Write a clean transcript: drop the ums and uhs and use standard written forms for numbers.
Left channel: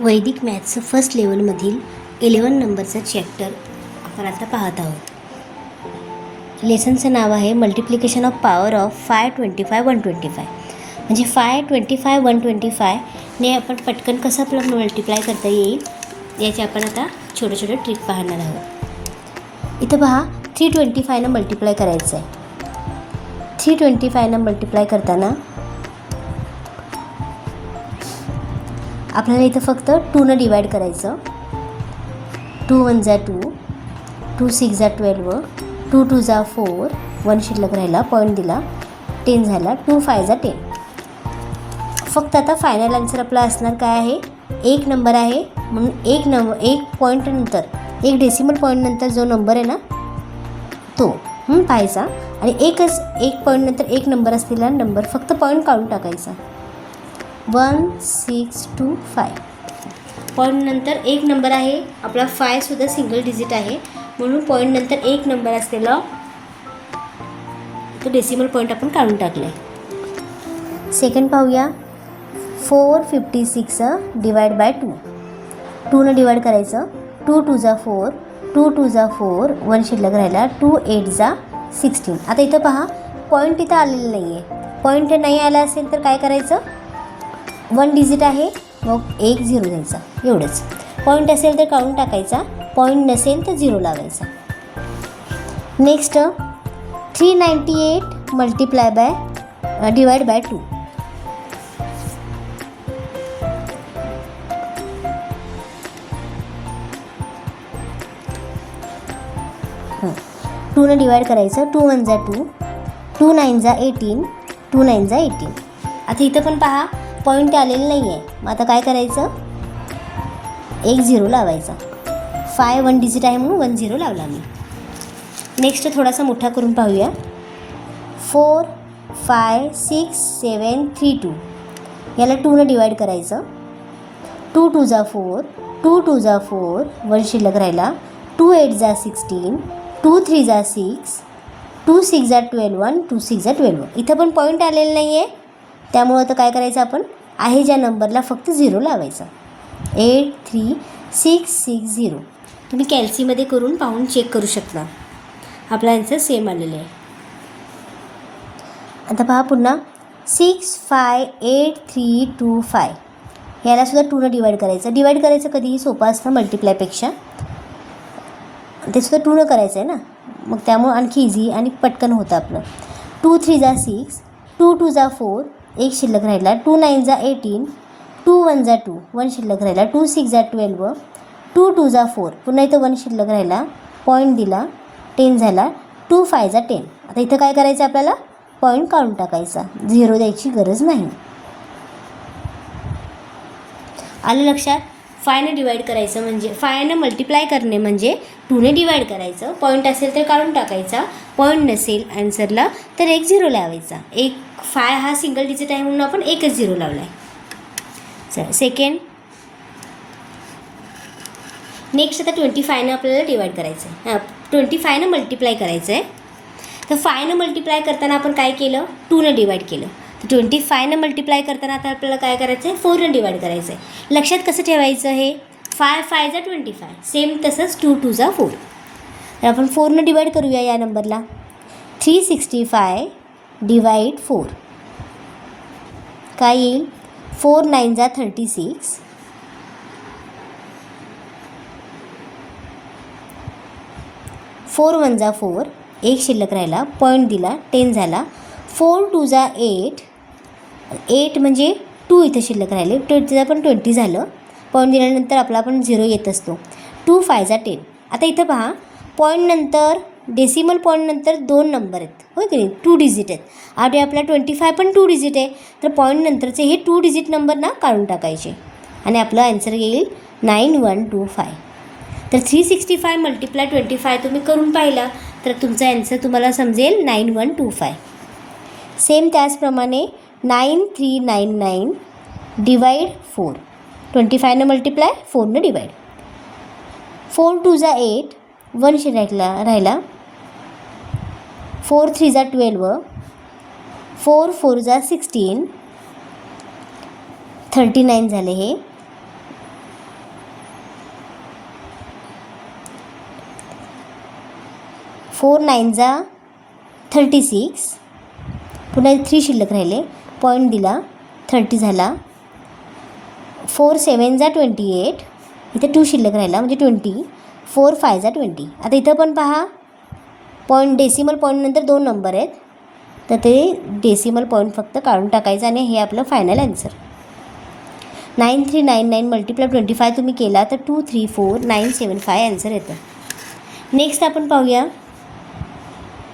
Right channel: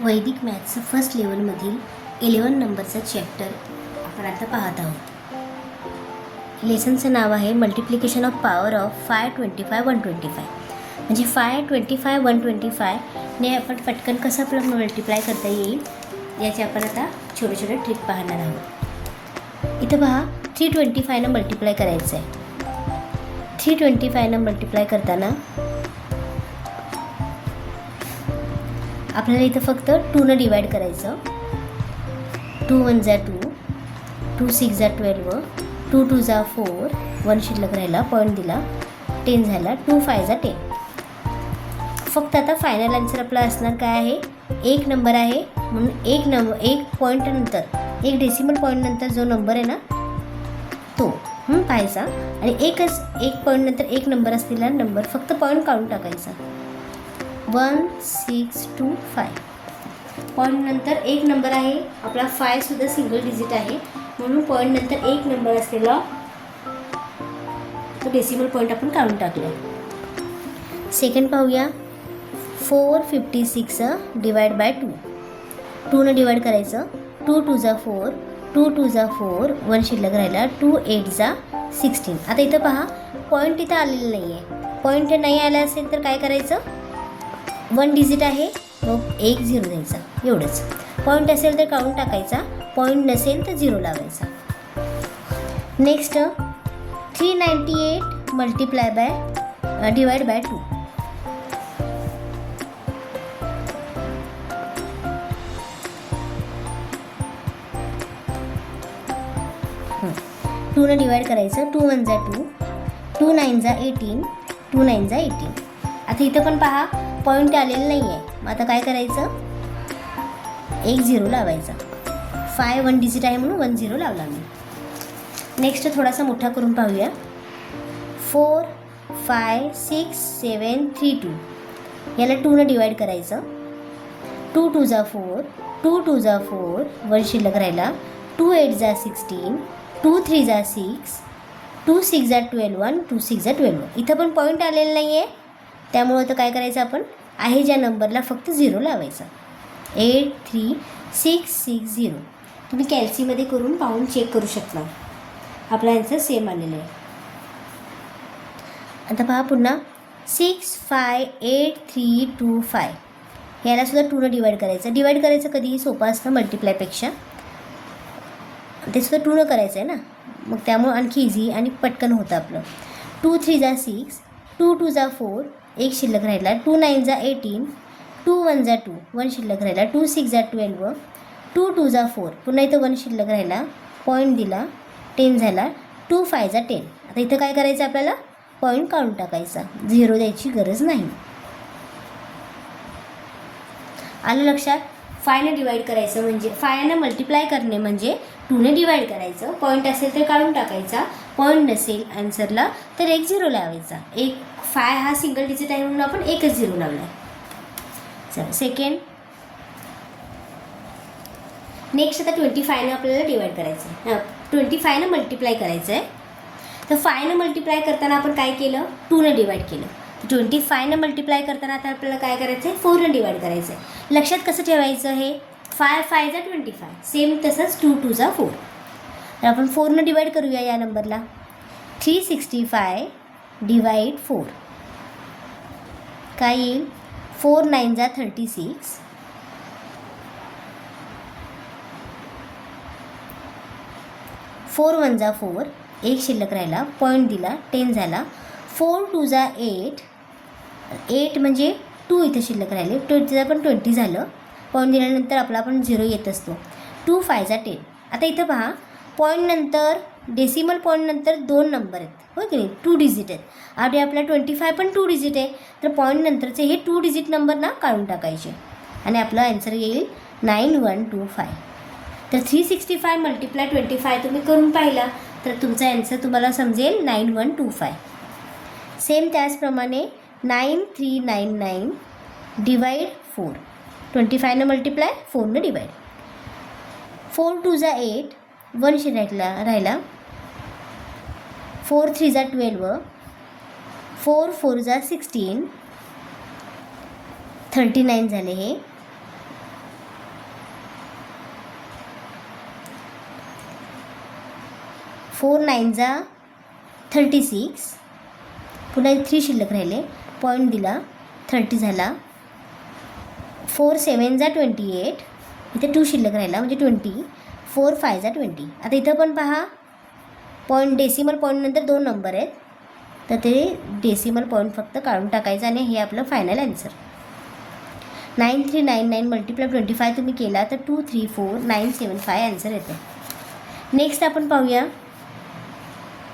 वैदिक मॅथ्सचं फर्स्ट लेवलमधील 11 नंबरचा चॅप्टर आपण आता पाहत आहोत. लेसनचं नाव आहे मल्टिप्लिकेशन ऑफ पॉवर ऑफ 525 125. म्हणजे 525 125 ने आपण पटकन कसं मल्टिप्लाय करता येईल याचे आपण आता छोटे छोटे ट्रिक पाहणार आहोत. इथं पहा 325 मल्टिप्लाय करायचं आहे. 325 मल्टिप्लाय करताना आपल्याला इथं फक्त 2 डिवाइड करायचं. 2 1 जा 2, 2 6 जा 12, 2 2 जा 4, 1 शिल्लक राहिला, पॉईंट दिला, 10 झाला, 2 5 जा 10. फक्त आता फायनल आन्सर आपला असणार काय आहे, एक नंबर आहे म्हणून एक पॉईंट नंतर एक डेसिमल पॉईंट नंतर जो नंबर आहे ना तो पाहायचा आणि एक पॉईंट नंतर एक नंबर असलेला नंबर फक्त पॉईंट काढून टाकायचा. 1 6 2 5 पॉईंट नंतर एक नंबर आहे आपला. 5 सुद्धा सिंगल डिजिट आहे म्हणून पॉईंट नंतर एक नंबर असलेला तो डेसिमल पॉईंट आपण काढून टाकले. सेकंड पाहूया. 456 डिवाइड बाय 2. 2 डिवाइड करायचं. 2 2 जा 4, 2 2 जा 4, 1 शिल्लक राहिला, 2 8 जा 16. आता इथं पहा पॉईंट इथं आलेलं नाही आहे. पॉईंट नाही आला असेल तर काय करायचं, 1 डिजिट आहे मग 1 0 द्यायचा, एवढंच. पॉईंट असेल तर काढून टाकायचा, पॉईंट नसेल तर 0 लावायचा. Next 398 multiply by divide by 2. Two ने डिवाइड करायचं. 2 1 जा 2, 2 9 जा 18, 2 9 जा 18. आता इथं पण पहा पॉईंट आलेलं नाही आहे. मग आता काय करायचं, 1 0 लावायचा. 5 1 डिजिट आहे म्हणून 1 0 लावला मी. नेक्स्ट थोडासा मोठा करून पाहूया. 4 5 6 7 3 2. याला 2 ने डिवाइड करायचं. 2 2 जा 4, 2 2 जा 4, 1 शिल्लक राहिला, 2 8 जा 16, 2 3 जा 6, 2 6 जा 12, 2 6 जा 12. इथं पण पॉईंट आलेलं नाही आहे त्यामुळं आता काय करायचं, आपण आहे ज्या नंबरला फक्त 0 लावायचा. 8 3 6 6 0. तुम्ही कॅल्सीमध्ये करून पाहून चेक करू शकता. आपला आन्सर सेम आलेलं आहे. आता पहा पुन्हा 6 5 8 3 2 5. यालासुद्धा 2 ने डिवाइड करायचं. डिवाइड करायचं कधीही सोपं असतं मल्टिप्लायपेक्षा. ते सुद्धा 2 ने करायचं आहे ना, मग त्यामुळं आणखी इझी आणि पटकन होतं आपलं. 2 3 जा 6, 2 2 जा 4, 1 शिल्लक राहिला, 2 9 जा 18, 2 1 जा 2, 1 शिल्लक राहिला, 2 6 जा 12, 2 2 जा 4, पुन्हा इथं 1 शिल्लक राहिला, पॉईंट दिला, 10 झाला, 2 5 जा 10. आता इथं काय करायचं, आपल्याला पॉईंट काढून टाकायचा, 0 द्यायची गरज नाही. आलं लक्षात. 5 ने डिवाइड करायचं म्हणजे 5 ने मल्टिप्लाय करणे म्हणजे 2 ने डिवाइड करायचं. पॉईंट असेल तर काढून टाकायचा, पॉईंट नसेल आन्सरला तर 1 0 लावायचा. 5 हा सिंगल डिजिट आहे म्हणून आपण 1च 0 लावला आहे. चला सेकंड. नेक्स्ट आता 25 आपल्याला डिवाइड करायचं आहे. 25 ने मल्टिप्लाय करायचं आहे. तर 5 ने मल्टिप्लाय करताना आपण काय केलं, 2 ने डिवाइड केलं. 25 ने मल्टिप्लाय करताना आता आपल्याला काय करायचं आहे, 4 ने डिवाइड करायचं आहे. लक्षात कसं ठेवायचं आहे, 5 5 जा 25, सेम तसंच 2 2 जा 4. तर आपण 4 ने डिवाइड करूया या नंबरला. 365 डिवाइड 4 काय येईल, 4 9 जा 36, 4 1 जा 4, 1 शिल्लक राहिला, पॉईंट दिला, 10 झाला, 4 2 जा 8, 8 म्हणजे 2 इथं शिल्लक राहिले, 20 पण 20 झालं, पॉईंट दिल्यानंतर आपला पण 0 येत असतो. 2 5 जा 10. आता इथं पहा पॉईंट नंतर डेसिमल पॉईंट नंतर 2 नंबर आहेत, हो की नाही, 2 डिजिट आहेत. आणि आपला 25 पण 2 डिजिट आहे, तर पॉईंट नंतरचे हे 2 डिजिट नंबर ना काढून टाकायचे आणि आपलं आन्सर येईल 9125. तर 365 मल्टिप्लाय 25 तुम्ही करून पाहिला तर तुमचा आन्सर तुम्हाला समजेल 9125. सेम त्याचप्रमाणे 9399 डिवाइड 4. 25 ने मल्टिप्लाय, 4 ने डिवाइड. 4 2 जा 8, 1 शिल्लक राहिला, 4 3 जा 12, 4 4 जा 16, 39 झाले हे. 4 9 जा 36, पुन्हा 3 शिल्लक राहिले, पॉईंट दिला, 30 झाला. 4 7 जा 28, इथे 2 शिल्लक राहिला म्हणजे 20. 4 5 जा 20. आता इथं पण पहा, पॉईंट डेसिमल पॉईंटनंतर 2 नंबर आहेत, तर ते डेसिमल पॉईंट फक्त काढून टाकायचं आणि हे आपलं फायनल ॲन्सर. 9399 मल्टिप्लाय 25 तुम्ही केला तर 234975 ॲन्सर येतं. नेक्स्ट आपण पाहूया